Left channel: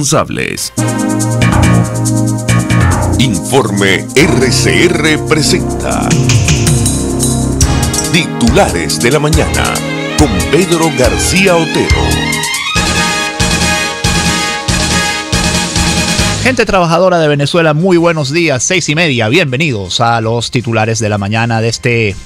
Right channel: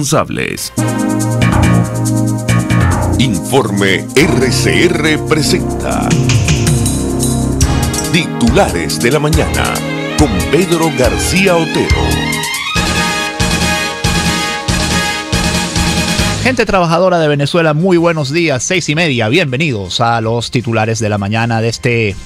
responsables. Informe RCR presenta Titulares de la Mañana con Pedro García Otero. Gente trabajadora de Venezuela, muy buenos días, 6:30. Bienvenidos a los titulares de la mañana de este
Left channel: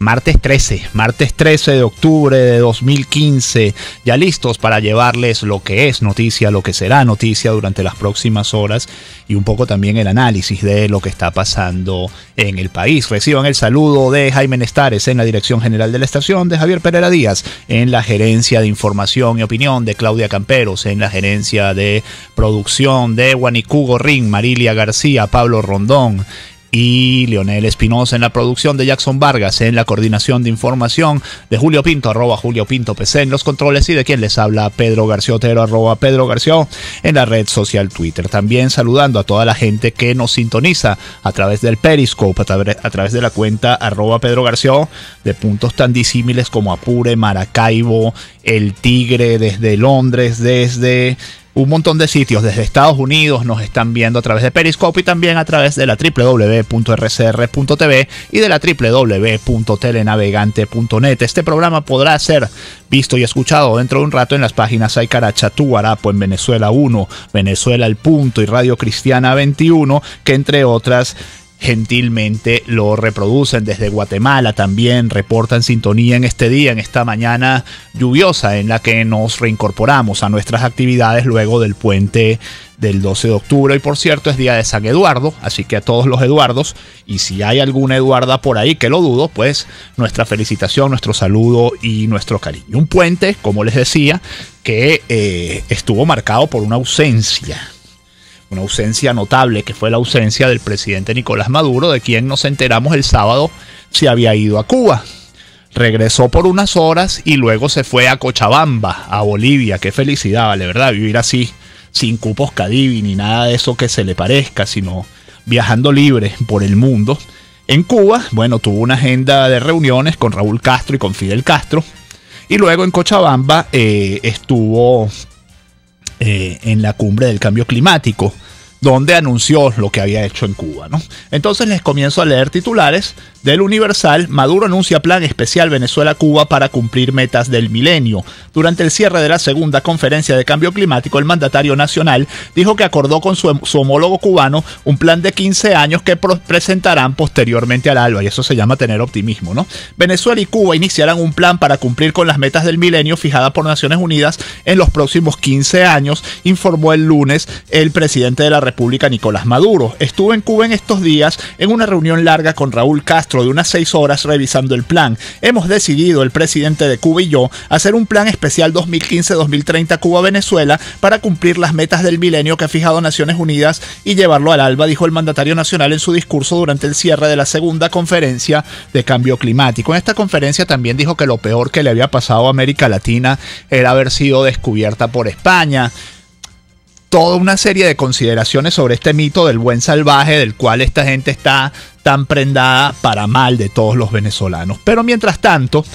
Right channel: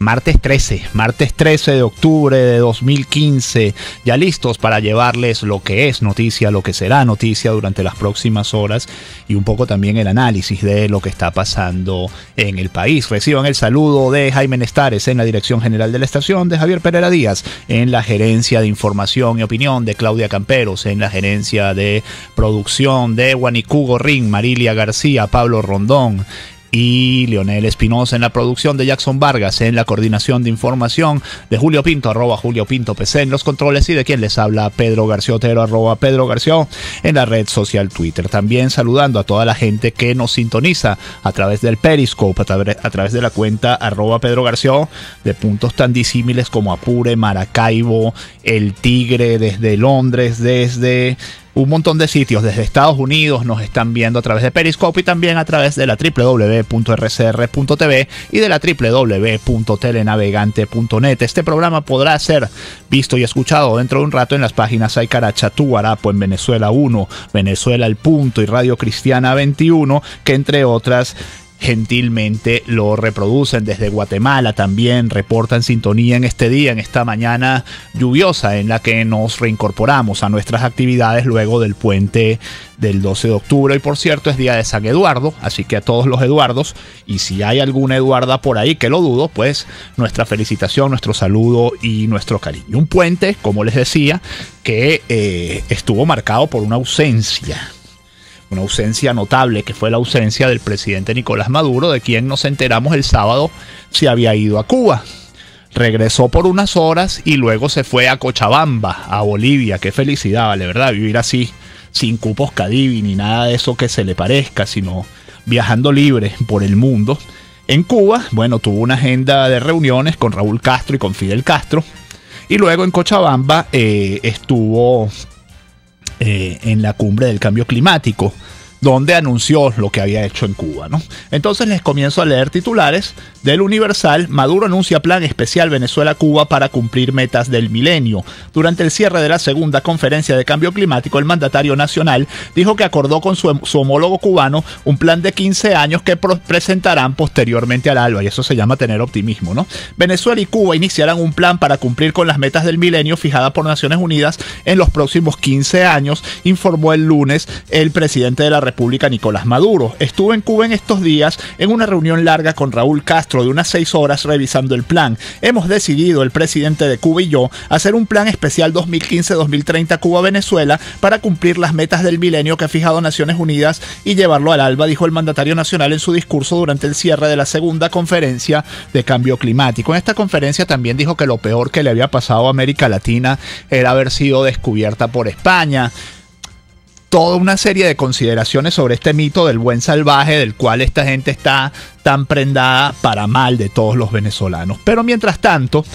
martes 13 de octubre de 2015, ya listos para llevarles lo que es noticia, lo que será noticia durante las próximas horas y un poco también el análisis de lo que está pasando en el país. Reciban el saludo de Jaime Nestares en la dirección general de la estación, de Javier Pereira Díaz en la gerencia de información y opinión, de Claudia Camperos en la gerencia de producción, de Guanicú Gorrín, Marilia García, Pablo Rondón y Leonel Espinosa en la producción, de Jackson Vargas en la coordinación de información, de Julio Pinto, @JulioPintoPC en los controles, y de quien les habla, Pedro García Otero, @Pedro García en la red social Twitter. También saludando a toda la gente que nos sintoniza a través del Periscope, a través de la cuenta @Pedro García, de puntos tan disímiles como Apure, Maracaibo, El Tigre, desde Londres, desde un montón de sitios, desde Estados Unidos nos están viendo a través de Periscope y también a través de la www.rcr.tv y de la www.telenavegante.net. Este programa podrá ser visto y escuchado dentro de un rato en las páginas Aycarachatú, Guarapo en Venezuela 1, Venezuela El Punto y Radio Cristiana 21, que entre otras gentilmente lo reproducen. Desde Guatemala también reportan sintonía en este día, en esta mañana lluviosa en la que nos reincorporamos a nuestras actividades luego del puente del 12 de octubre. Y por cierto, es día de San Eduardo, así que a todos los Eduardos, y si hay alguna Eduarda por ahí, que lo dudo, pues nuestra felicitación, nuestro saludo y nuestro cariño. Un puente, como les decía, que estuvo marcado por una ausencia notable, que fue la ausencia del presidente Nicolás Maduro, de quien nos enteramos el sábado se había ido a Cuba. Regresó por unas horas y luego se fue a Cochabamba, a Bolivia. Qué felicidad, vale, ¿verdad? Vivir así, sin cupos Cadivi ni nada de eso que se le parezca, sino viajando libre por el mundo. En Cuba, bueno, tuvo una agenda de reuniones con Raúl Castro y con Fidel Castro, y luego en Cochabamba estuvo en la cumbre del cambio climático, donde anunció lo que había hecho en Cuba, ¿no? Entonces les comienzo a leer titulares del Universal. Maduro anuncia plan especial Venezuela-Cuba para cumplir metas del milenio. Durante el cierre de la segunda conferencia de cambio climático, el mandatario nacional dijo que acordó con su homólogo cubano un plan de 15 años que presentarán posteriormente al ALBA, y eso se llama tener optimismo, ¿no? Venezuela y Cuba iniciarán un plan para cumplir con las metas del milenio fijadas por Naciones Unidas en los próximos 15 años, informó el lunes el presidente de la República, Nicolás Maduro. Estuvo en Cuba en estos días en una reunión larga con Raúl Castro de unas 6 horas revisando el plan. Hemos decidido, el presidente de Cuba y yo, hacer un plan especial 2015-2030 Cuba-Venezuela para cumplir las metas del milenio que ha fijado Naciones Unidas y llevarlo al ALBA, dijo el mandatario nacional en su discurso durante el cierre de la segunda conferencia de cambio climático. En esta conferencia también dijo que lo peor que le había pasado a América Latina era haber sido descubierta por España. Toda una serie de consideraciones sobre este mito del buen salvaje, del cual esta gente está tan prendada para mal de todos los venezolanos. Pero mientras tanto,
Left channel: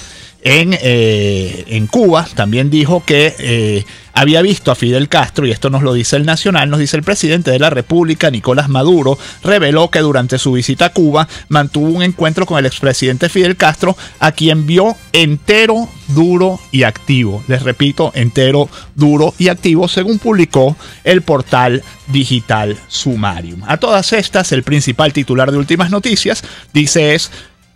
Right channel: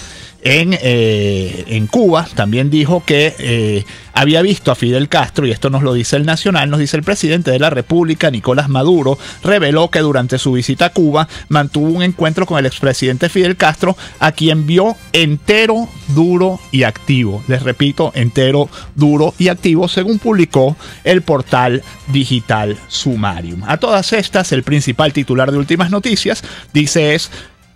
en Cuba también dijo que había visto a Fidel Castro, y esto nos lo dice el Nacional, nos dice el presidente de la República, Nicolás Maduro, reveló que durante su visita a Cuba mantuvo un encuentro con el expresidente Fidel Castro, a quien vio entero, duro y activo. Les repito, entero, duro y activo, según publicó el portal digital Sumarium. A todas estas, el principal titular de Últimas Noticias dice es:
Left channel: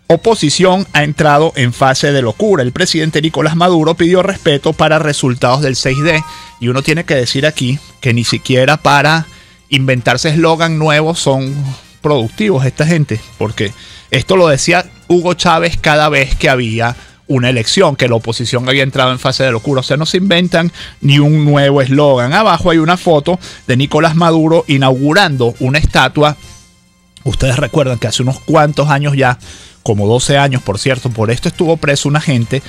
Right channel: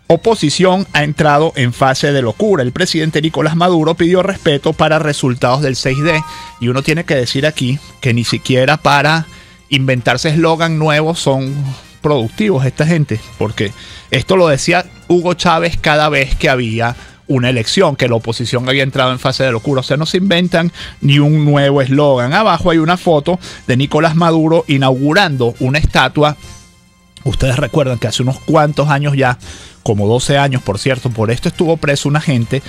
oposición ha entrado en fase de locura. El presidente Nicolás Maduro pidió respeto para resultados del 6D. Y uno tiene que decir aquí que ni siquiera para inventarse eslogan nuevos son productivos esta gente. Porque esto lo decía Hugo Chávez cada vez que había una elección, que la oposición había entrado en fase de locura. O sea, no se inventan ni un nuevo eslogan. Abajo hay una foto de Nicolás Maduro inaugurando una estatua. Ustedes recuerdan que hace unos cuantos años ya, como 12 años, por cierto, por esto estuvo preso una gente,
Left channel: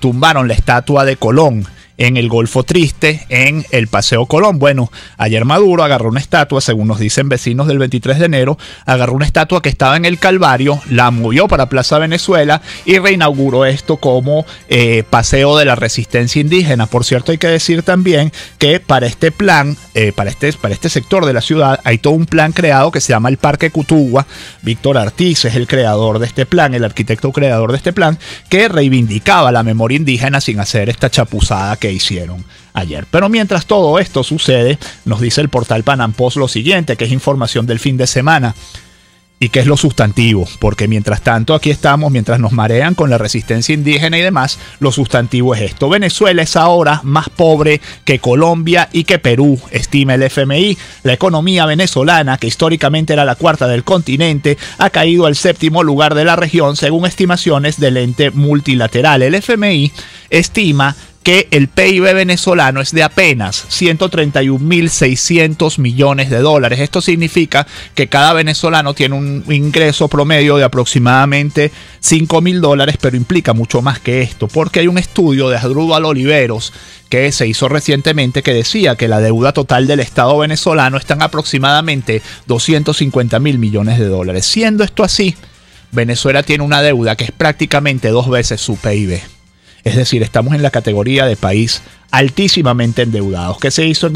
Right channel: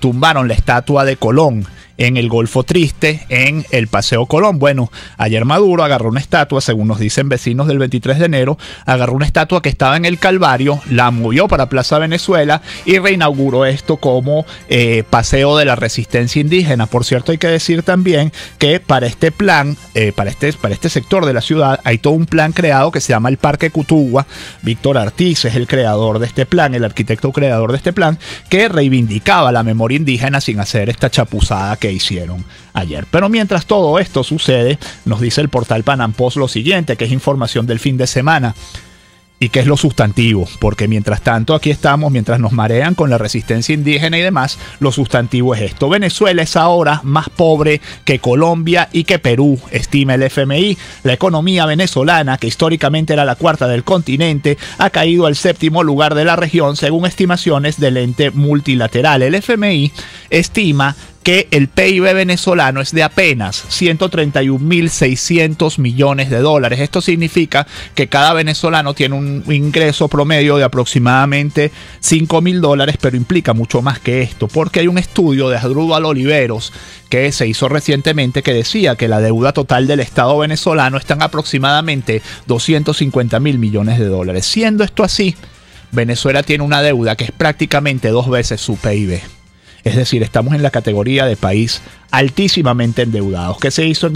tumbaron la estatua de Colón en el Golfo Triste, en el Paseo Colón. Bueno, ayer Maduro agarró una estatua, según nos dicen vecinos del 23 de enero, agarró una estatua que estaba en el Calvario, la movió para Plaza Venezuela y reinauguró esto como Paseo de la Resistencia Indígena. Por cierto, hay que decir también que para este plan, para este sector de la ciudad, hay todo un plan creado que se llama el Parque Cutugua. Víctor Artiz es el creador de este plan, el arquitecto creador de este plan, que reivindicaba la memoria indígena sin hacer esta chapuzada que hicieron ayer. Pero mientras todo esto sucede, nos dice el portal Panam Post lo siguiente, que es información del fin de semana. ¿Y qué es lo sustantivo? Porque mientras tanto aquí estamos, mientras nos marean con la resistencia indígena y demás, lo sustantivo es esto. Venezuela es ahora más pobre que Colombia y que Perú, estima el FMI. La economía venezolana, que históricamente era la cuarta del continente, ha caído al 7º lugar de la región según estimaciones del ente multilateral. El FMI estima que el PIB venezolano es de apenas 131.600 millones de dólares. Esto significa que cada venezolano tiene un ingreso promedio de aproximadamente $5.000, pero implica mucho más que esto, porque hay un estudio de Asdrúbal Oliveros que se hizo recientemente que decía que la deuda total del Estado venezolano está en aproximadamente 250.000 millones de dólares. Siendo esto así, Venezuela tiene una deuda que es prácticamente 2 veces su PIB. Es decir, estamos en la categoría de país altísimamente endeudados. ¿Qué se hizo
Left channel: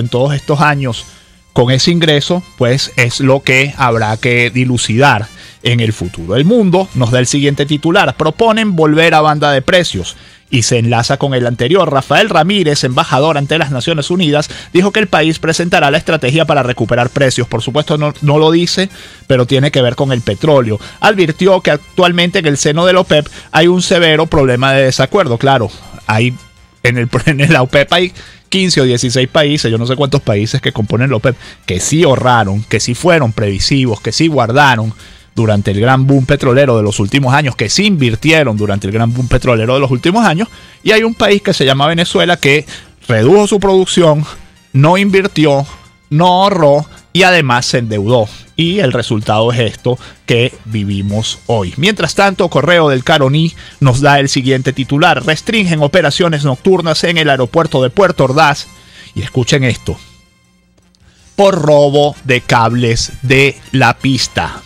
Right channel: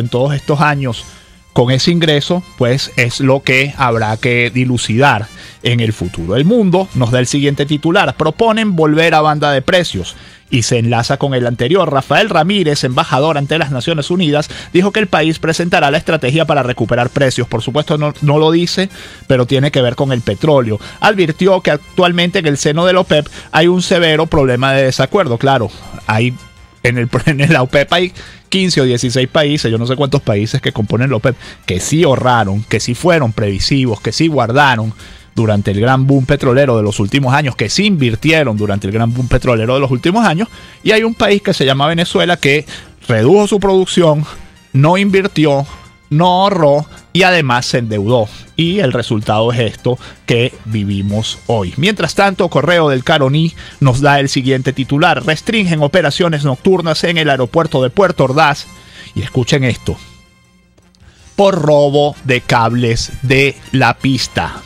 en todos estos años con ese ingreso? Pues es lo que habrá que dilucidar en el futuro. El Mundo nos da el siguiente titular: proponen volver a banda de precios. Y se enlaza con el anterior. Rafael Ramírez, embajador ante las Naciones Unidas, dijo que el país presentará la estrategia para recuperar precios. Por supuesto no lo dice, pero tiene que ver con el petróleo. Advirtió que actualmente en el seno de la OPEP hay un severo problema de desacuerdo. Claro, en la OPEP hay 15 o 16 países, yo no sé cuántos países que componen la OPEP, que sí ahorraron, que sí fueron previsivos, que sí guardaron durante el gran boom petrolero de los últimos años, que sí invirtieron durante el gran boom petrolero de los últimos años, y hay un país que se llama Venezuela que redujo su producción, no invirtió, no ahorró y además se endeudó. Y el resultado es esto que vivimos hoy. Mientras tanto, Correo del Caroní nos da el siguiente titular: restringen operaciones nocturnas en el aeropuerto de Puerto Ordaz. Y escuchen esto: por robo de cables de la pista.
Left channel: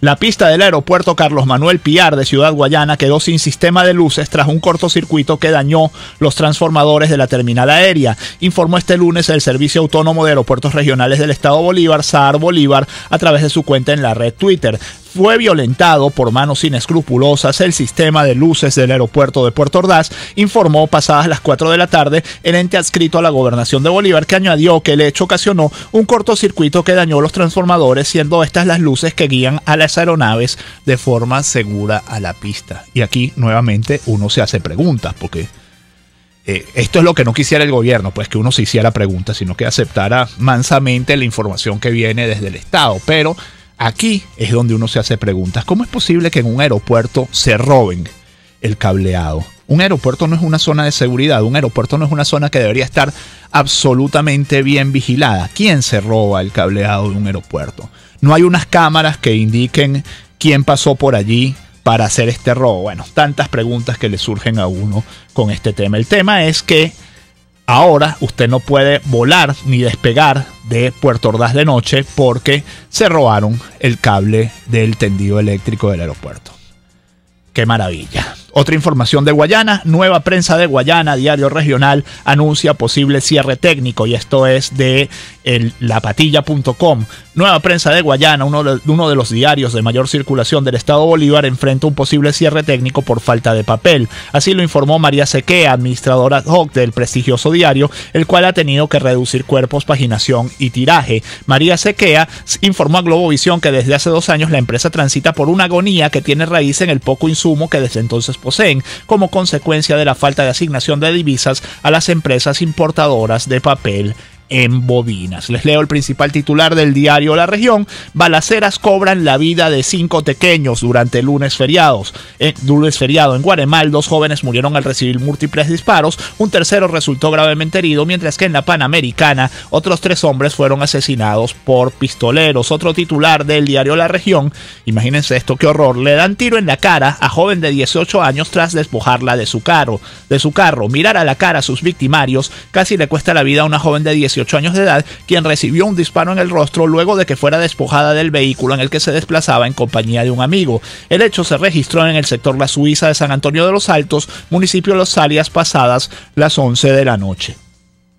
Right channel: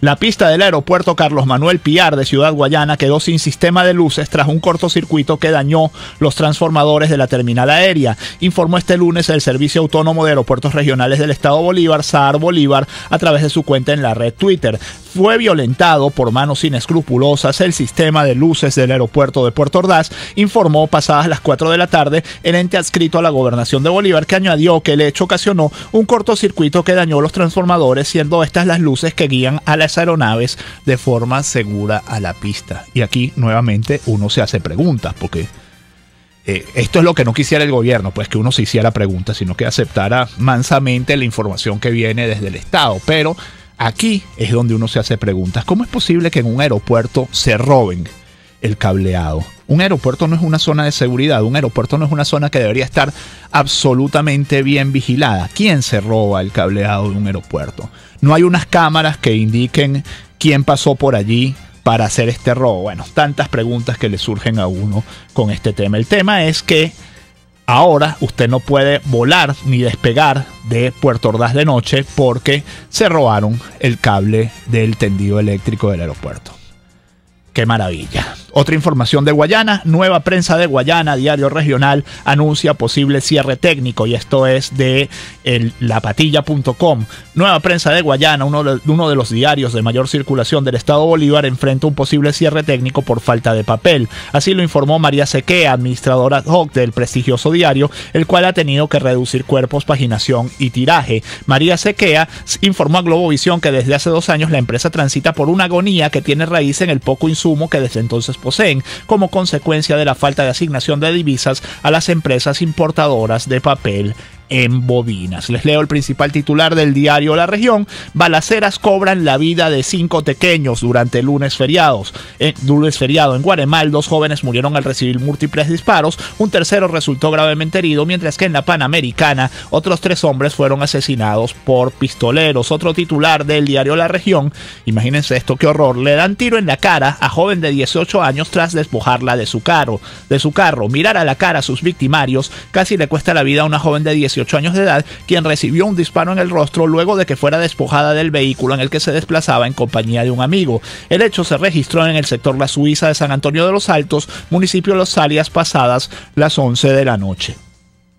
La pista del aeropuerto Carlos Manuel Piar de Ciudad Guayana quedó sin sistema de luces tras un cortocircuito que dañó los transformadores de la terminal aérea, informó este lunes el Servicio Autónomo de Aeropuertos Regionales del Estado Bolívar, SAAR Bolívar, a través de su cuenta en la red Twitter. Fue violentado por manos inescrupulosas el sistema de luces del aeropuerto de Puerto Ordaz, informó pasadas las 4 de la tarde el ente adscrito a la Gobernación de Bolívar, que añadió que el hecho ocasionó un cortocircuito que dañó los transformadores, siendo estas las luces que guían a las aeronaves de forma segura a la pista. Y aquí nuevamente uno se hace preguntas, porque esto es lo que no quisiera el gobierno, pues que uno se hiciera preguntas, sino que aceptara mansamente la información que viene desde el Estado. Pero aquí es donde uno se hace preguntas. ¿Cómo es posible que en un aeropuerto se roben el cableado? Un aeropuerto no es una zona de seguridad, un aeropuerto no es una zona que debería estar absolutamente bien vigilada. ¿Quién se roba el cableado de un aeropuerto? No hay unas cámaras que indiquen quién pasó por allí para hacer este robo. Bueno, tantas preguntas que le surgen a uno con este tema. El tema es que ahora usted no puede volar ni despegar de Puerto Ordaz de noche porque se robaron el cable del tendido eléctrico del aeropuerto. ¡Qué maravilla! Otra información de Guayana: Nueva Prensa de Guayana, diario regional, anuncia posible cierre técnico, y esto es de lapatilla.com. Nueva Prensa de Guayana, uno de los diarios de mayor circulación del Estado Bolívar, enfrenta un posible cierre técnico por falta de papel. Así lo informó María Sequea, administradora ad hoc del prestigioso diario, el cual ha tenido que reducir cuerpos, paginación y tiraje. María Sequea informó a Globovisión que desde hace 2 años la empresa transita por una agonía que tiene raíz en el poco insumo que desde entonces poseen, como consecuencia de la falta de asignación de divisas a las empresas importadoras de papel en bobinas. Les leo el principal titular del diario La Región. Balaceras cobran la vida de 5 tequeños durante el lunes feriado. En Guaremal, 2 jóvenes murieron al recibir múltiples disparos, un tercero resultó gravemente herido, mientras que en la Panamericana otros 3 hombres fueron asesinados por pistoleros. Otro titular del diario La Región, imagínense esto, qué horror, le dan tiro en la cara a joven de 18 años tras despojarla de su carro. Mirar a la cara a sus victimarios casi le cuesta la vida a una joven de 18 años de edad, quien recibió un disparo en el rostro luego de que fuera despojada del vehículo en el que se desplazaba en compañía de un amigo. El hecho se registró en el sector La Suiza de San Antonio de los Altos, municipio de Los Alias, pasadas las 11 de la noche.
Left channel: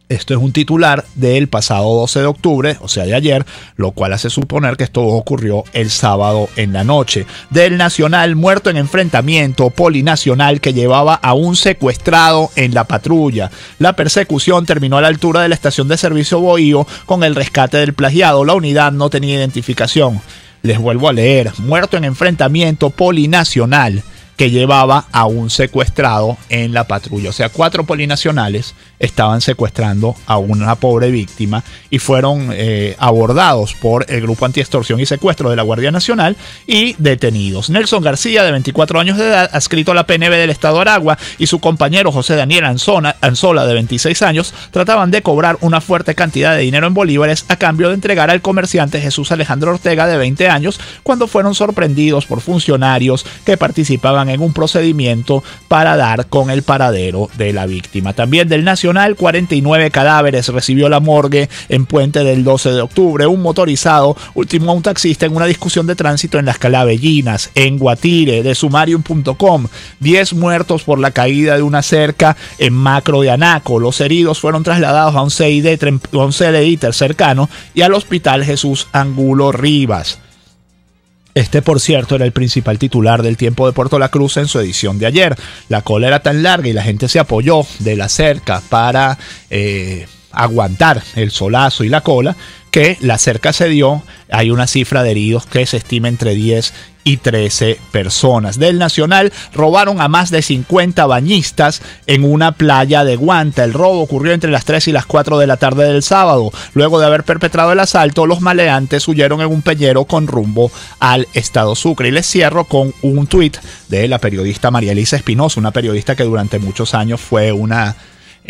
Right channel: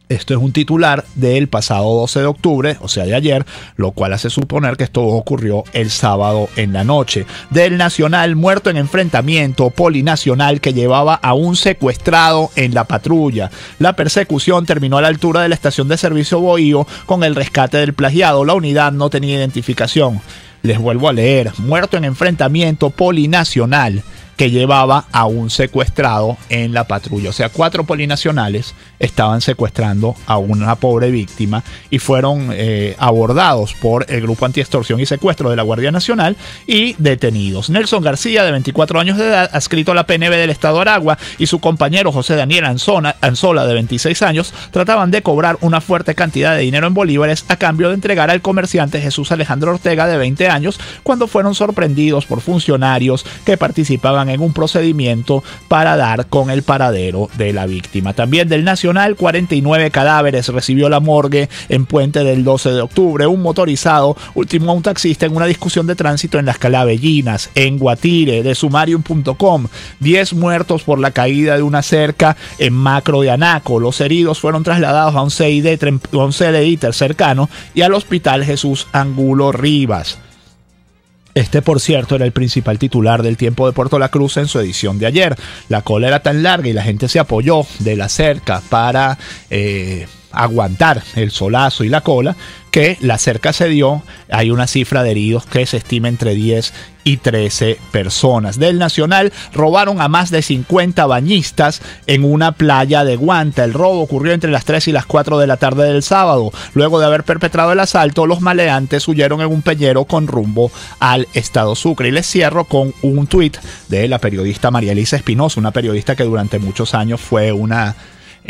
Esto es un titular del pasado 12 de octubre, o sea de ayer, lo cual hace suponer que esto ocurrió el sábado en la noche. Del Nacional, muerto en enfrentamiento polinacional que llevaba a un secuestrado en la patrulla. La persecución terminó a la altura de la estación de servicio Bohío con el rescate del plagiado. La unidad no tenía identificación. Les vuelvo a leer, muerto en enfrentamiento polinacional que llevaba a un secuestrado en la patrulla. O sea, 4 polinacionales estaban secuestrando a una pobre víctima y fueron abordados por el Grupo Antiextorsión y Secuestro de la Guardia Nacional y detenidos. Nelson García, de 24 años de edad, adscrito a la PNV del Estado de Aragua, y su compañero José Daniel Anzola, de 26 años, trataban de cobrar una fuerte cantidad de dinero en bolívares a cambio de entregar al comerciante Jesús Alejandro Ortega, de 20 años, cuando fueron sorprendidos por funcionarios que participaban en un procedimiento para dar con el paradero de la víctima. También del Nacional, 49 cadáveres recibió la morgue en Puente del 12 de octubre. Un motorizado ultimó a un taxista en una discusión de tránsito en las Calavellinas. En Guatire, de sumarium.com, 10 muertos por la caída de una cerca en Macro de Anaco. Los heridos fueron trasladados a un CDI cercano y al Hospital Jesús Angulo Rivas. Este, por cierto, era el principal titular del Tiempo de Puerto La Cruz en su edición de ayer. La cola era tan larga y la gente se apoyó de la cerca para aguantar el solazo y la cola, que la cerca cedió. Hay una cifra de heridos que se estima entre 10 y 13 personas. Del Nacional, robaron a más de 50 bañistas en una playa de Guanta. El robo ocurrió entre las 3 y las 4 de la tarde del sábado. Luego de haber perpetrado el asalto, los maleantes huyeron en un peñero con rumbo al estado Sucre. Y les cierro con un tuit de la periodista María Elisa Espinosa, una periodista que durante muchos años fue una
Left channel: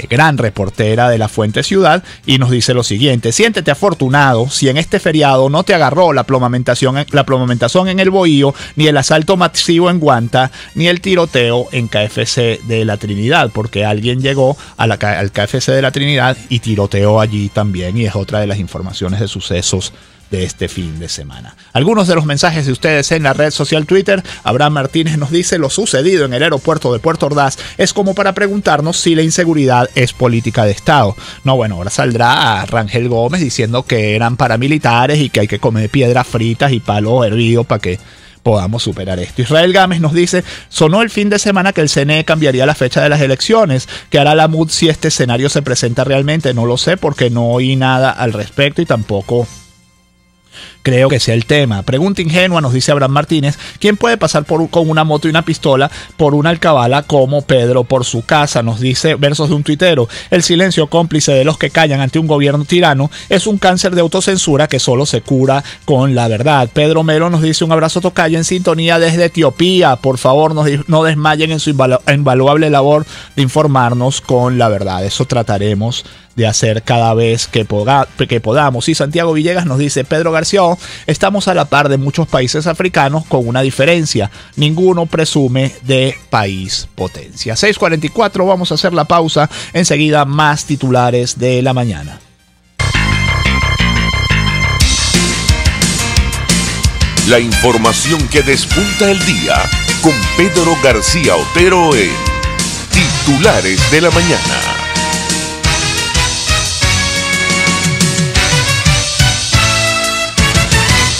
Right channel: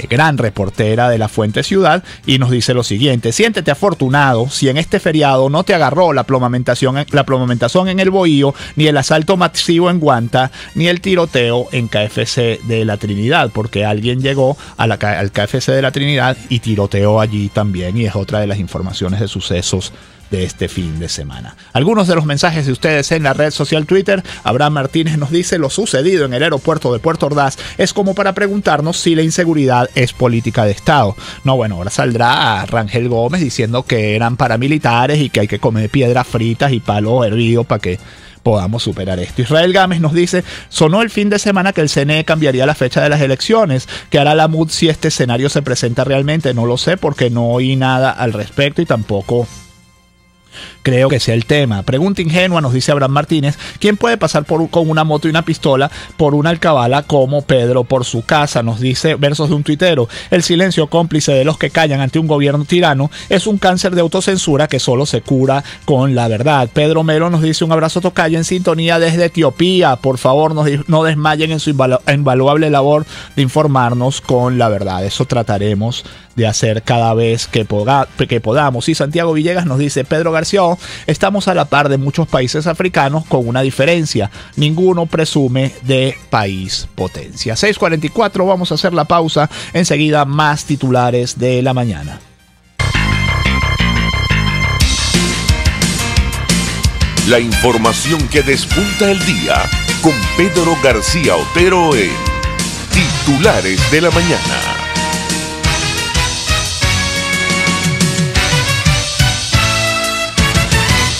gran reportera de La Fuente Ciudad, y nos dice lo siguiente: siéntete afortunado si en este feriado no te agarró la plomamentación en el Bohío, ni el asalto masivo en Guanta, ni el tiroteo en KFC de la Trinidad, porque alguien llegó al KFC de la Trinidad y tiroteó allí también, y es otra de las informaciones de sucesos de este fin de semana. Algunos de los mensajes de ustedes en la red social Twitter. Abraham Martínez nos dice: lo sucedido en el aeropuerto de Puerto Ordaz es como para preguntarnos si la inseguridad es política de Estado. No, bueno, ahora saldrá a Rangel Gómez diciendo que eran paramilitares y que hay que comer piedras fritas y palo hervido para que podamos superar esto. Israel Gámez nos dice: sonó el fin de semana que el CNE cambiaría la fecha de las elecciones. ¿Qué hará la MUD si este escenario se presenta realmente? No lo sé, porque no oí nada al respecto y tampoco creo que sea el tema. Pregunta ingenua, nos dice Abraham Martínez: ¿quién puede pasar con una moto y una pistola por una alcabala como Pedro por su casa? Nos dice versos de un tuitero: el silencio cómplice de los que callan ante un gobierno tirano es un cáncer de autocensura que solo se cura con la verdad. Pedro Melo nos dice: un abrazo tocayo en sintonía desde Etiopía. Por favor, no desmayen en su invaluable labor de informarnos con la verdad. Eso trataremos de hacer cada vez que podamos. Y Santiago Villegas nos dice: Pedro García, estamos a la par de muchos países africanos con una diferencia: ninguno presume de país potencia. 6:44, vamos a hacer la pausa. Enseguida más titulares de la mañana. La información que despunta el día con Pedro García Otero en Titulares de la Mañana.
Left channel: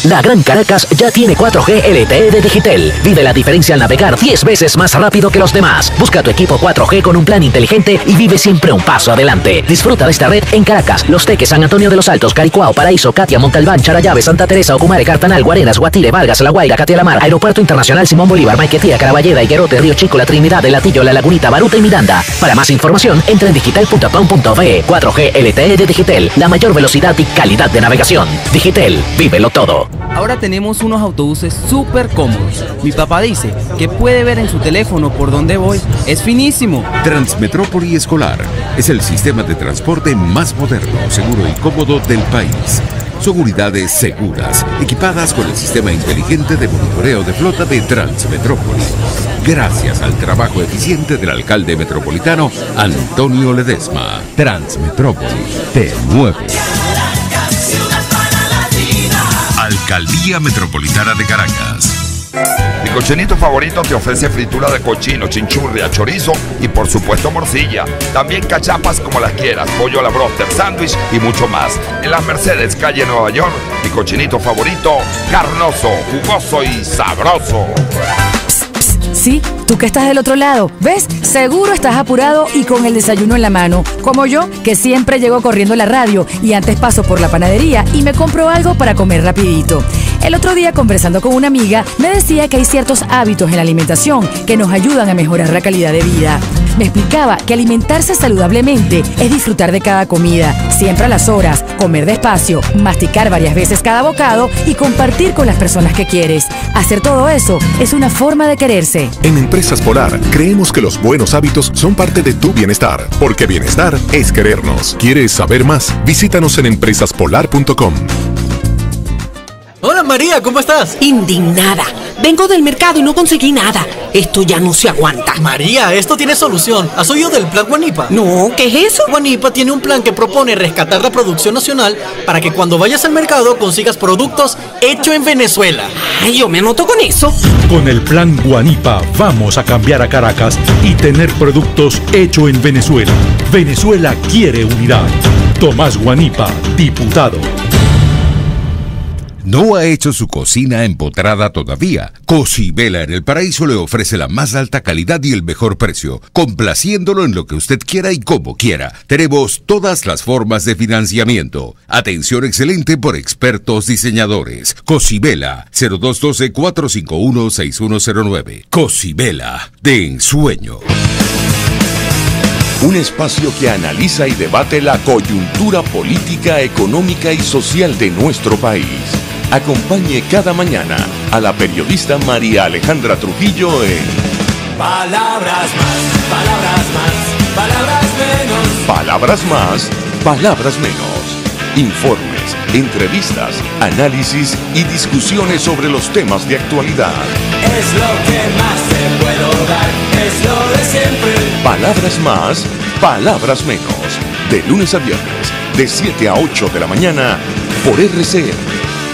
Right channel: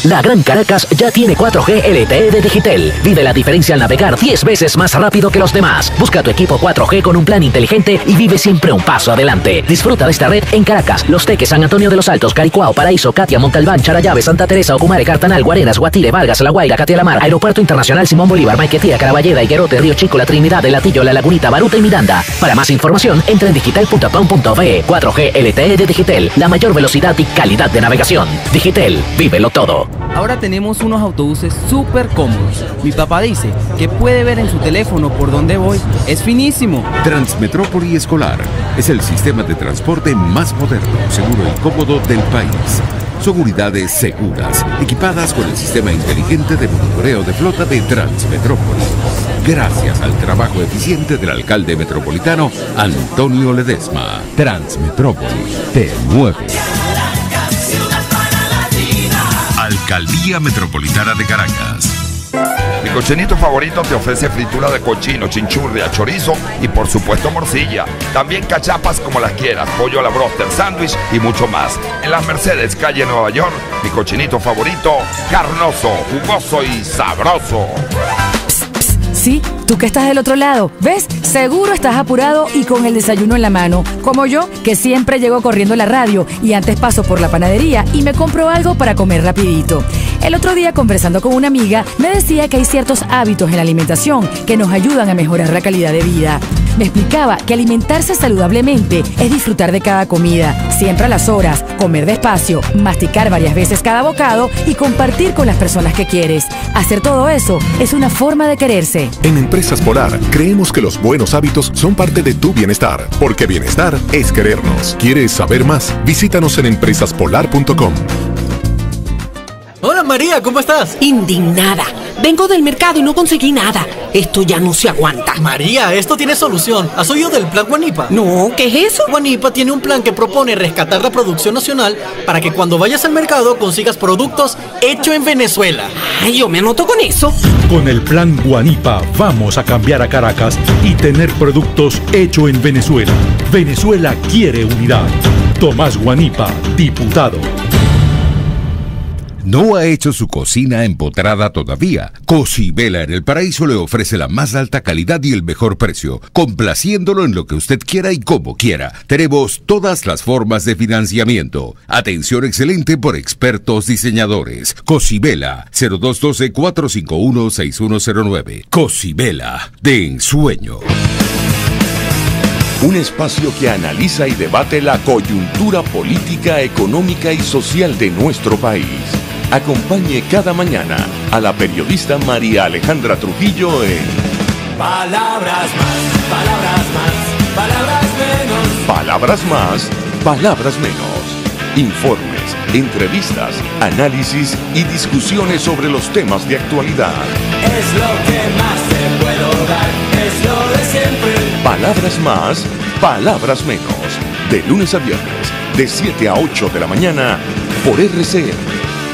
La Gran Caracas ya tiene 4G LTE de Digitel. Vive la diferencia al navegar 10 veces más rápido que los demás. Busca tu equipo 4G con un plan inteligente y vive siempre un paso adelante. Disfruta de esta red en Caracas, Los Teques, San Antonio de los Altos, Caricuao, Paraíso, Catia, Montalbán, Charallave, Santa Teresa, Ocumare, Cartanal, Guarenas, Guatire, Vargas, La Guaira, Catia-La-Mar, Aeropuerto Internacional Simón Bolívar, Maiquetía, Caraballeda, Higuerote, Río Chico, La Trinidad, El Latillo, La Lagunita, Baruta y Miranda. Para más información, entra en digital.com.be. 4G LTE de Digitel, la mayor velocidad y calidad de navegación. Digitel, vívelo todo. Ahora tenemos unos autobuses súper cómodos. Mi papá dice que puede ver en su teléfono por dónde voy. Es finísimo. Transmetrópoli Escolar es el sistema de transporte más moderno, seguro y cómodo del país. Son unidades seguras, equipadas con el sistema inteligente de monitoreo de flota de Transmetrópoli. Gracias al trabajo eficiente del alcalde metropolitano Antonio Ledesma. Transmetrópoli te mueve. Alcaldía Metropolitana de Caracas. Mi cochinito favorito te ofrece fritura de cochino, chinchurria, chorizo y por supuesto morcilla. También cachapas como las quieras, pollo a la broster, sándwich y mucho más. En las Mercedes, calle Nueva York, mi cochinito favorito, carnoso, jugoso y sabroso. Sí, tú que estás del otro lado, ¿ves? Seguro estás apurado y con el desayuno en la mano. Como yo, que siempre llego corriendo a la radio y antes paso por la panadería y me compro algo para comer rapidito. El otro día, conversando con una amiga, me decía que hay ciertos hábitos en la alimentación que nos ayudan a mejorar la calidad de vida. Me explicaba que alimentarse saludablemente es disfrutar de cada comida, siempre a las horas, comer despacio, masticar varias veces cada bocado y compartir con las personas que quieres. Hacer todo eso es una forma de quererse. En Empresas Polar, creemos que los buenos hábitos son parte de tu bienestar, porque bienestar es querernos. ¿Quieres saber más? Visítanos en empresaspolar.com. Hola María, ¿cómo estás? Indignada. Vengo del mercado y no conseguí nada. Esto ya no se aguanta. María, esto tiene solución. ¿Has oído del plan Guanipa? No, ¿qué es eso? Guanipa tiene un plan que propone rescatar la producción nacional para que cuando vayas al mercado consigas productos hechos en Venezuela. Ay, yo me anoto con eso. Con el plan Guanipa vamos a cambiar a Caracas y tener productos hechos en Venezuela. Venezuela quiere unidad. Tomás Guanipa, diputado. ¿No ha hecho su cocina empotrada todavía? Cocibela en el Paraíso le ofrece la más alta calidad y el mejor precio, complaciéndolo en lo que usted quiera y como quiera. Tenemos todas las formas de financiamiento. Atención excelente por expertos diseñadores. Cocibela, 0212-451-6109. Cocibela, de ensueño. Un espacio que analiza y debate la coyuntura política, económica y social de nuestro país. Acompañe cada mañana a la periodista María Alejandra Trujillo en Palabras más, palabras más, palabras menos. Palabras más, palabras menos. Informes, entrevistas, análisis y discusiones sobre los temas de actualidad. Es lo que más te puedo dar, es lo de siempre. Palabras más, palabras menos. De lunes a viernes, de 7 a 8 de la mañana, por RCN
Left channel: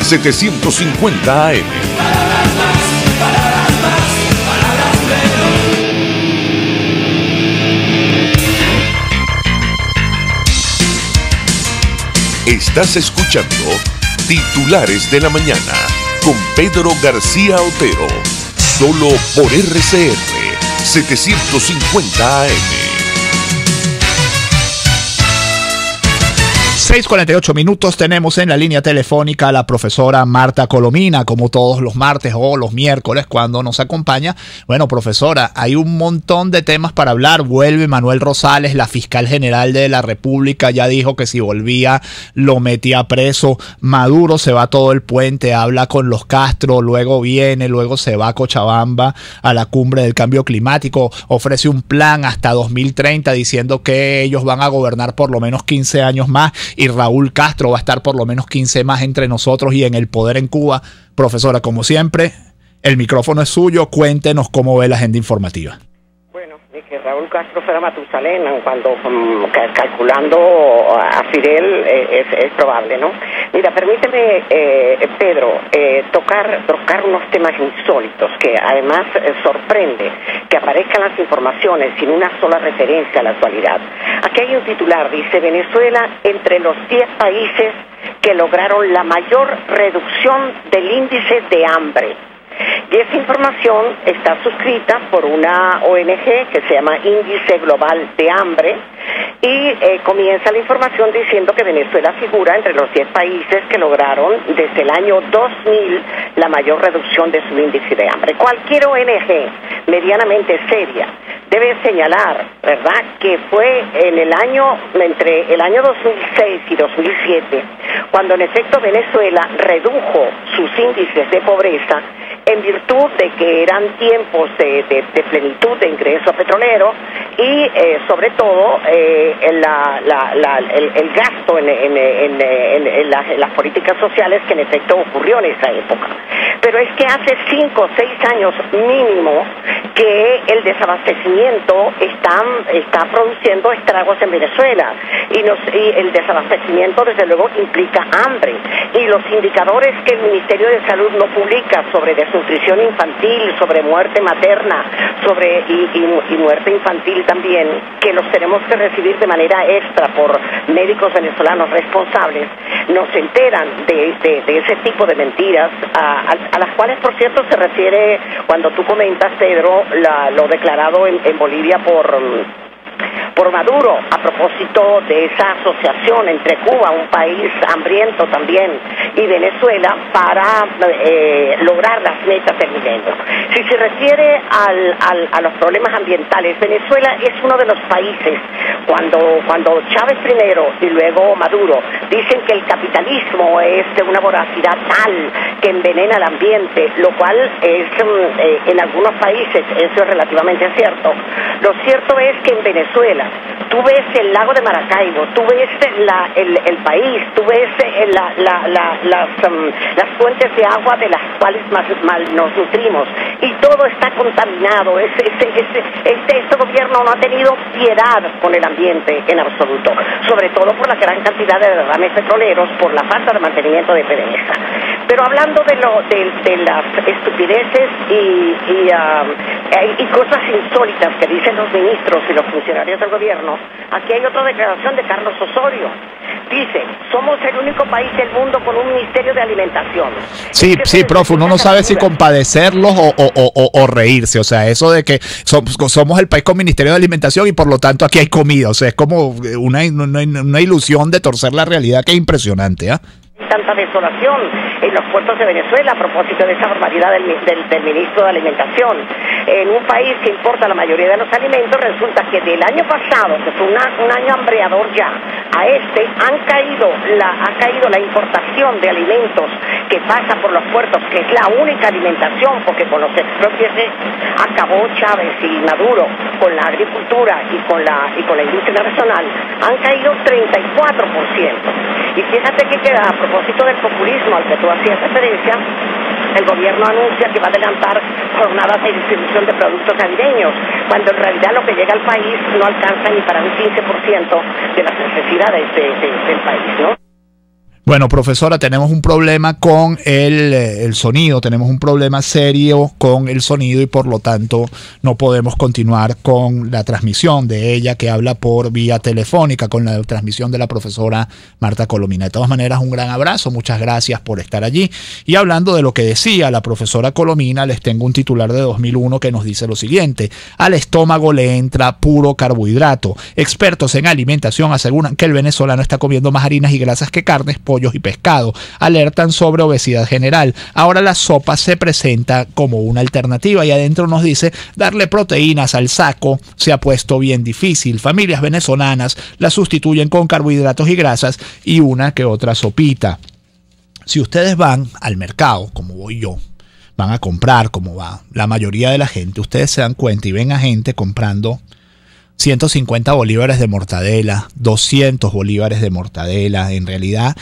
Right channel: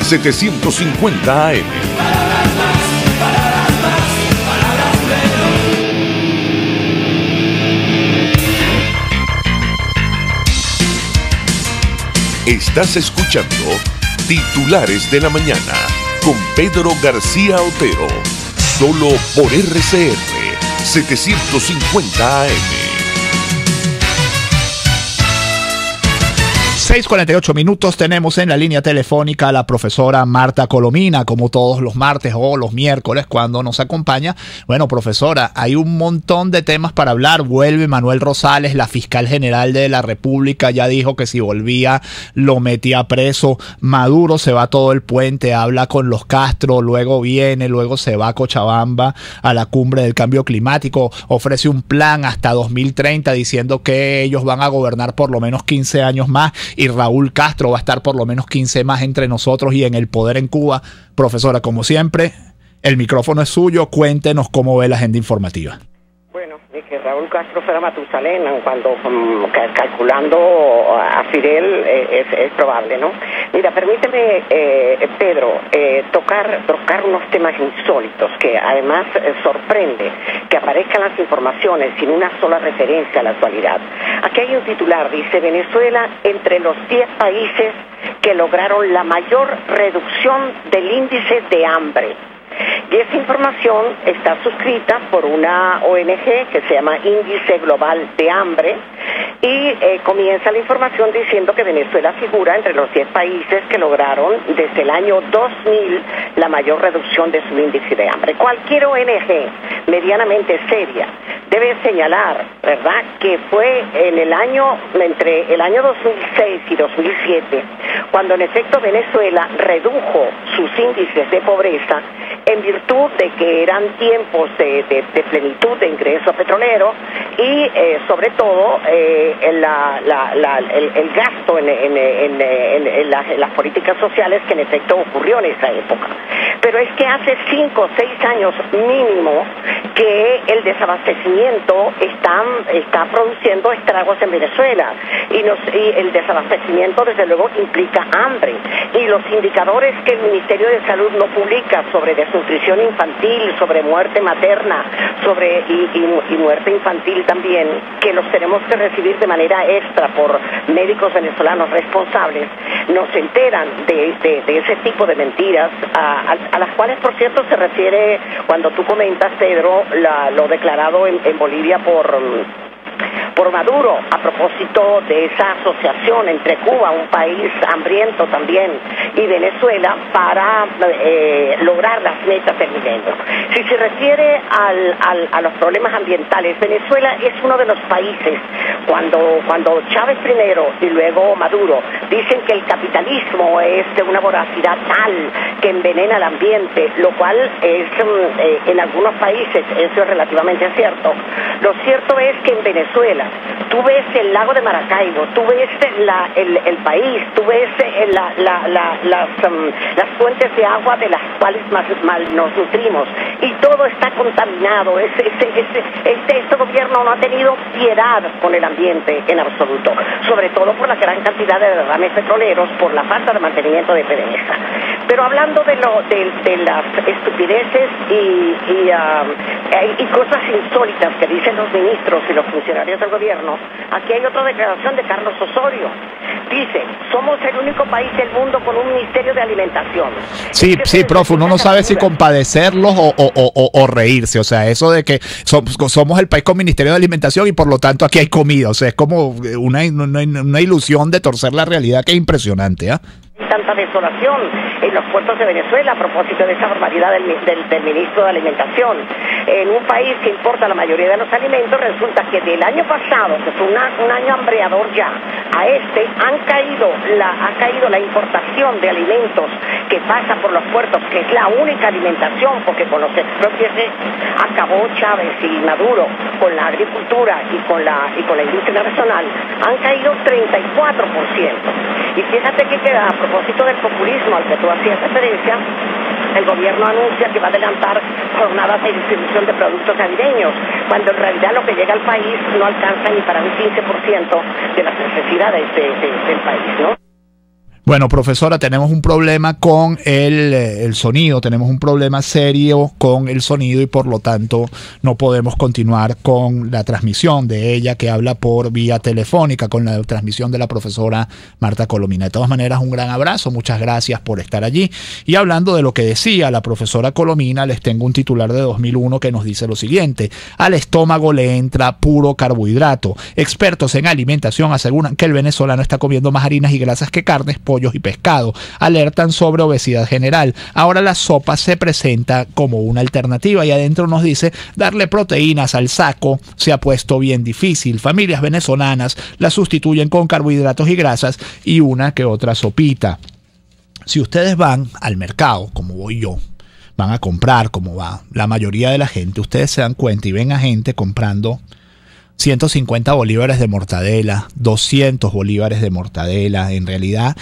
750 AM. Estás escuchando Titulares de la Mañana con Pedro García Otero, solo por RCN 750 AM. 6:48 minutos, tenemos en la línea telefónica a la profesora Marta Colomina, como todos los martes o los miércoles cuando nos acompaña. Bueno, profesora, hay un montón de temas para hablar. Vuelve Manuel Rosales, la fiscal general de la República, ya dijo que si volvía lo metía preso. Maduro se va todo el puente, habla con los Castro, luego viene, luego se va a Cochabamba a la cumbre del cambio climático, ofrece un plan hasta 2030 diciendo que ellos van a gobernar por lo menos 15 años más y Raúl Castro va a estar por lo menos 15 más entre nosotros y en el poder en Cuba. Profesora, como siempre, el micrófono es suyo, cuéntenos cómo ve la agenda informativa. Bueno, de que Raúl Castro fuera Matusalén, cuando calculando a Fidel es probable, ¿no? Mira, permíteme, Pedro, tocar unos temas insólitos que además sorprende que aparezcan las informaciones sin una sola referencia a la actualidad. Aquí hay un titular, dice: Venezuela entre los 10 países que lograron la mayor reducción del índice de hambre. Y esa información está suscrita por una ONG que se llama Índice Global de Hambre, y comienza la información diciendo que Venezuela figura entre los 10 países que lograron desde el año 2000 la mayor reducción de su índice de hambre. Cualquier ONG medianamente seria debe señalar, ¿verdad?, que fue entre el año 2006 y 2007 cuando en efecto Venezuela redujo sus índices de pobreza en virtud de que eran tiempos de plenitud de ingreso petrolero y sobre todo el gasto en las políticas sociales que en efecto ocurrió en esa época. Pero es que hace 5 o 6 años mínimo que el desabastecimiento está produciendo estragos en Venezuela, y el desabastecimiento desde luego implica hambre, y los indicadores que el Ministerio de Salud no publica sobre desnutrición infantil, sobre muerte materna, y muerte infantil también, que los tenemos que recibir de manera extra por médicos venezolanos responsables, nos enteran de ese tipo de mentiras, a las cuales, por cierto, se refiere cuando tú comentas, Pedro, lo declarado en Bolivia por Maduro, a propósito de esa asociación entre Cuba, un país hambriento también, y Venezuela para lograr las metas del milenio. Si se refiere a los problemas ambientales, Venezuela es uno de los países, cuando Chávez primero y luego Maduro dicen que el capitalismo es de una voracidad tal que envenena el ambiente, lo cual es en algunos países eso es relativamente cierto. Lo cierto es que en Venezuela tú ves el lago de Maracaibo, tú ves el país, tú ves las fuentes de agua de las cuales más nos nutrimos, y todo está contaminado. Este gobierno no ha tenido piedad con el ambiente en absoluto, sobre todo por la gran cantidad de derrames petroleros, por la falta de mantenimiento de PDVSA. Pero hablando de las estupideces y cosas insólitas que dicen los ministros y los funcionarios del gobierno, aquí hay otra declaración de Carlos Osorio. Dice: somos el único país del mundo con un ministerio de alimentación. Sí, profe, uno no sabe si compadecerlos o reírse. O sea, eso de que somos el país con ministerio de alimentación y por lo tanto aquí hay comida. O sea, es como una ilusión de torcer la realidad que es impresionante, ¿ah? Tanta desolación en los puertos de Venezuela a propósito de esa barbaridad del ministro de Alimentación. En un país que importa la mayoría de los alimentos, resulta que del año pasado, que fue un año hambreador ya, a ha caído la importación de alimentos que pasa por los puertos, que es la única alimentación, porque con los expropios acabó Chávez y Maduro con la agricultura y con la industria nacional, han caído 34%. Y fíjate que a propósito del populismo al que tú hacías referencia, el gobierno anuncia que va a adelantar jornadas de distribución de productos navideños, cuando en realidad lo que llega al país no alcanza ni para un 15% de las necesidades del país, ¿no? Bueno, profesora, tenemos un problema con el sonido, tenemos un problema serio con el sonido y por lo tanto no podemos continuar con la transmisión de ella, que habla por vía telefónica, con la transmisión de la profesora Marta Colomina. De todas maneras, un gran abrazo, muchas gracias por estar allí. Y hablando de lo que decía la profesora Colomina, les tengo un titular de 2001 que nos dice lo siguiente: al estómago le entra puro carbohidrato. Expertos en alimentación aseguran que el venezolano está comiendo más harinas y grasas que carnes, pollos y pescado. Alertan sobre obesidad general. Ahora la sopa se presenta como una alternativa y adentro nos dice: darle proteínas al saco se ha puesto bien difícil. Familias venezolanas la sustituyen con carbohidratos y grasas y una que otra sopita. Si ustedes van al mercado, como voy yo, van a comprar como va la mayoría de la gente, ustedes se dan cuenta y ven a gente comprando 150 bolívares de mortadela, 200 bolívares de mortadela. En realidad,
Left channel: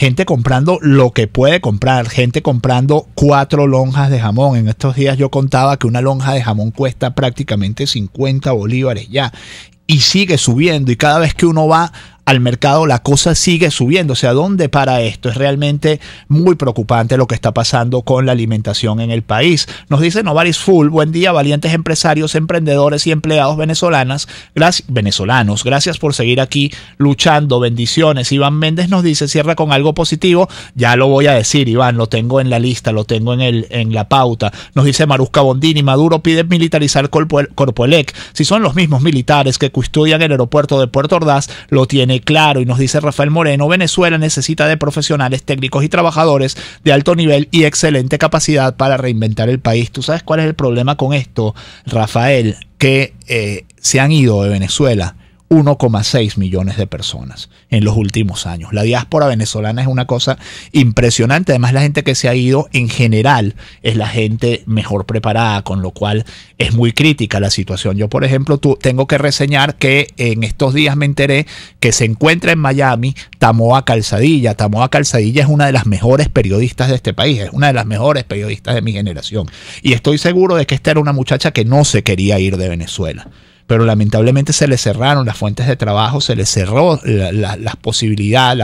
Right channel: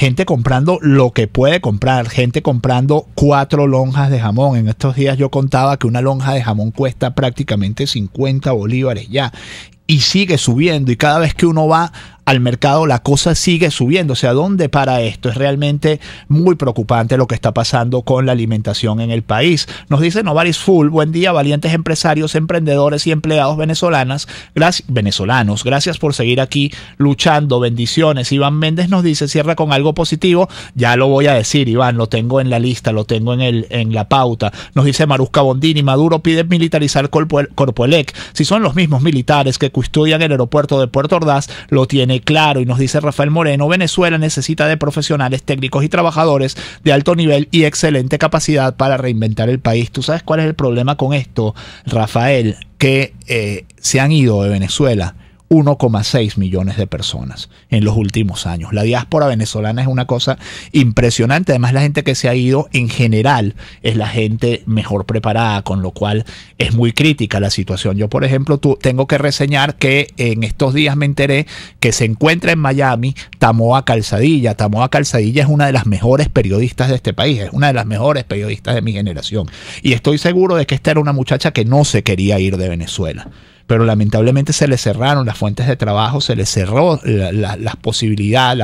gente comprando lo que puede comprar, gente comprando 4 lonjas de jamón. En estos días yo contaba que una lonja de jamón cuesta prácticamente 50 bolívares ya, y sigue subiendo, y cada vez que uno va al mercado la cosa sigue subiendo. O sea, ¿dónde para esto? Es realmente muy preocupante lo que está pasando con la alimentación en el país. Nos dice Novaris Full: buen día, valientes empresarios, emprendedores y empleados venezolanos, gracias por seguir aquí luchando, bendiciones. Iván Méndez nos dice, cierra con algo positivo. Ya lo voy a decir, Iván, lo tengo en la lista, lo tengo en la pauta. Nos dice Marusca Bondini: Maduro pide militarizar Corpoelec. Si son los mismos militares que custodian el aeropuerto de Puerto Ordaz, lo tiene claro. Y nos dice Rafael Moreno: Venezuela necesita de profesionales, técnicos y trabajadores de alto nivel y excelente capacidad para reinventar el país. ¿Tú sabes cuál es el problema con esto, Rafael? Que se han ido de Venezuela 1,6 millones de personas en los últimos años. La diáspora venezolana es una cosa impresionante. Además, la gente que se ha ido en general es la gente mejor preparada, con lo cual es muy crítica la situación. Yo, por ejemplo, tengo que reseñar que en estos días me enteré que se encuentra en Miami Tamoa Calzadilla. Tamoa Calzadilla es una de las mejores periodistas de este país, es una de las mejores periodistas de mi generación. Y estoy seguro de que esta era una muchacha que no se quería ir de Venezuela, pero lamentablemente se le cerraron las fuentes de trabajo, se le cerró la posibilidad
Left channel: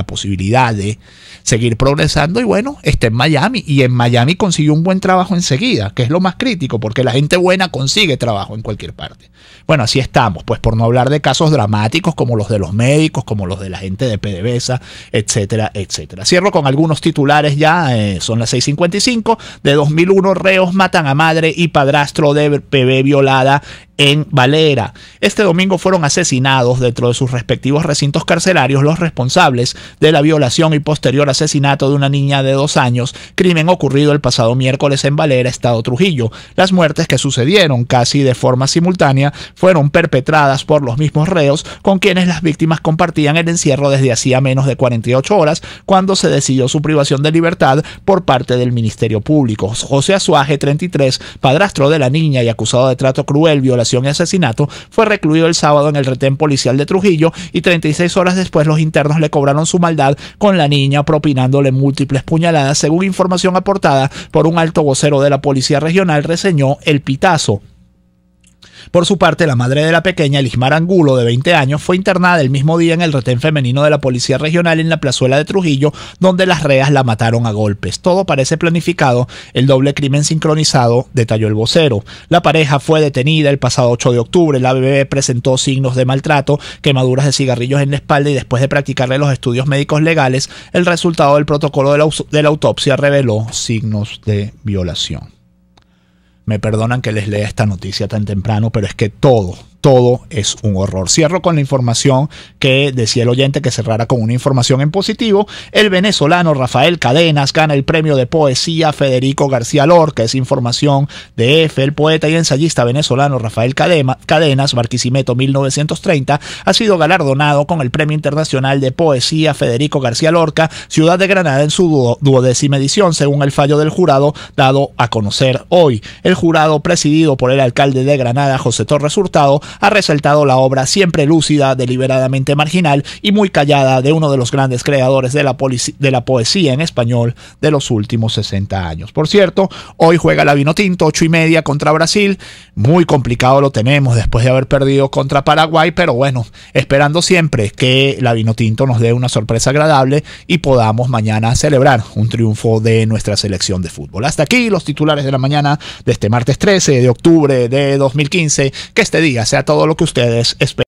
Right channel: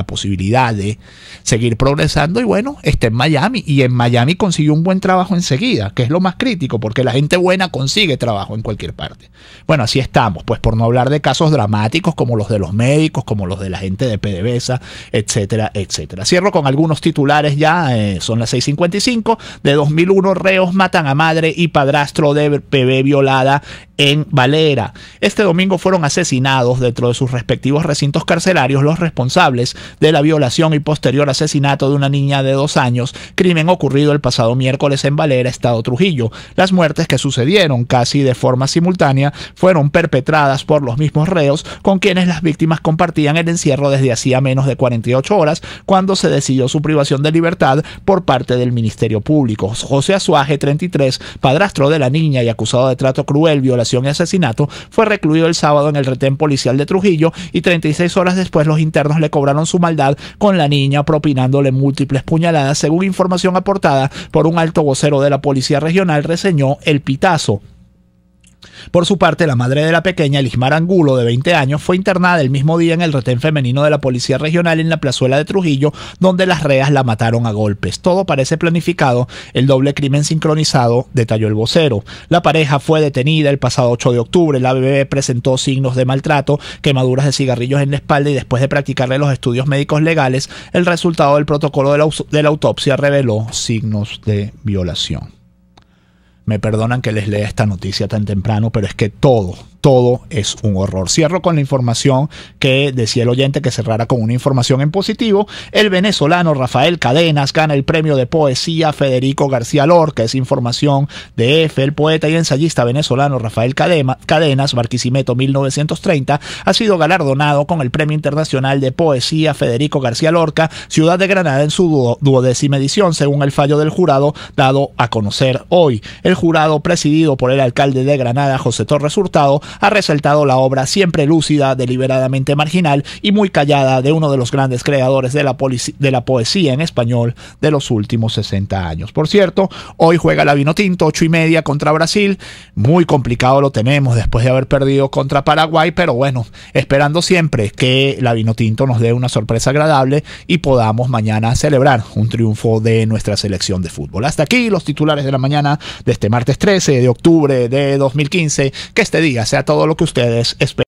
de seguir progresando, y bueno, está en Miami, y en Miami consiguió un buen trabajo enseguida, que es lo más crítico, porque la gente buena consigue trabajo en cualquier parte. Bueno, así estamos, pues, por no hablar de casos dramáticos como los de los médicos, como los de la gente de PDVSA, etcétera, etcétera. Cierro con algunos titulares ya, son las 6:55. De 2001, reos matan a madre y padrastro de bebé violada en Valera. Este domingo fueron asesinados dentro de sus respectivos recintos carcelarios los responsables de la violación y posterior asesinato de una niña de 2 años, crimen ocurrido el pasado miércoles en Valera, estado Trujillo. Las muertes, que sucedieron casi de forma simultánea, fueron perpetradas por los mismos reos con quienes las víctimas compartían el encierro desde hacía menos de 48 horas, cuando se decidió su privación de libertad por parte del Ministerio Público. José Azuaje, 33, padrastro de la niña y acusado de trato cruel, violación y asesinato, fue recluido el sábado en el retén policial de Trujillo, y 36 horas después los internos le cobraron su maldad con la niña, propinándole múltiples puñaladas, según información aportada por un alto vocero de la Policía Regional, reseñó El Pitazo. Por su parte, la madre de la pequeña, Elismar Angulo, de 20 años, fue internada el mismo día en el retén femenino de la Policía Regional en la plazuela de Trujillo, donde las reas la mataron a golpes. Todo parece planificado, el doble crimen sincronizado, detalló el vocero. La pareja fue detenida el pasado 8 de octubre. La bebé presentó signos de maltrato, quemaduras de cigarrillos en la espalda, y después de practicarle los estudios médicos legales, el resultado del protocolo de la autopsia reveló signos de violación. Me perdonan que les lea esta noticia tan temprano, pero es que todo es un horror. Cierro con la información que decía el oyente que cerrara con una información en positivo. El venezolano Rafael Cadenas gana el premio de poesía Federico García Lorca. Es información de EFE. El poeta y ensayista venezolano Rafael Cadenas, Barquisimeto 1930, ha sido galardonado con el Premio Internacional de Poesía Federico García Lorca, Ciudad de Granada, en su 12ª edición, según el fallo del jurado dado a conocer hoy. El jurado, presidido por el alcalde de Granada, José Torres Hurtado, ha resaltado la obra siempre lúcida, deliberadamente marginal y muy callada de uno de los grandes creadores de la poesía en español de los últimos 60 años. Por cierto, hoy juega la Vinotinto, 8:30 contra Brasil. Muy complicado lo tenemos después de haber perdido contra Paraguay, pero bueno, esperando siempre que la Vinotinto nos dé una sorpresa agradable y podamos mañana celebrar un triunfo de nuestra selección de fútbol. Hasta aquí los titulares de la mañana de este martes 13 de octubre de 2015. Que este día sea todo lo que ustedes esperan.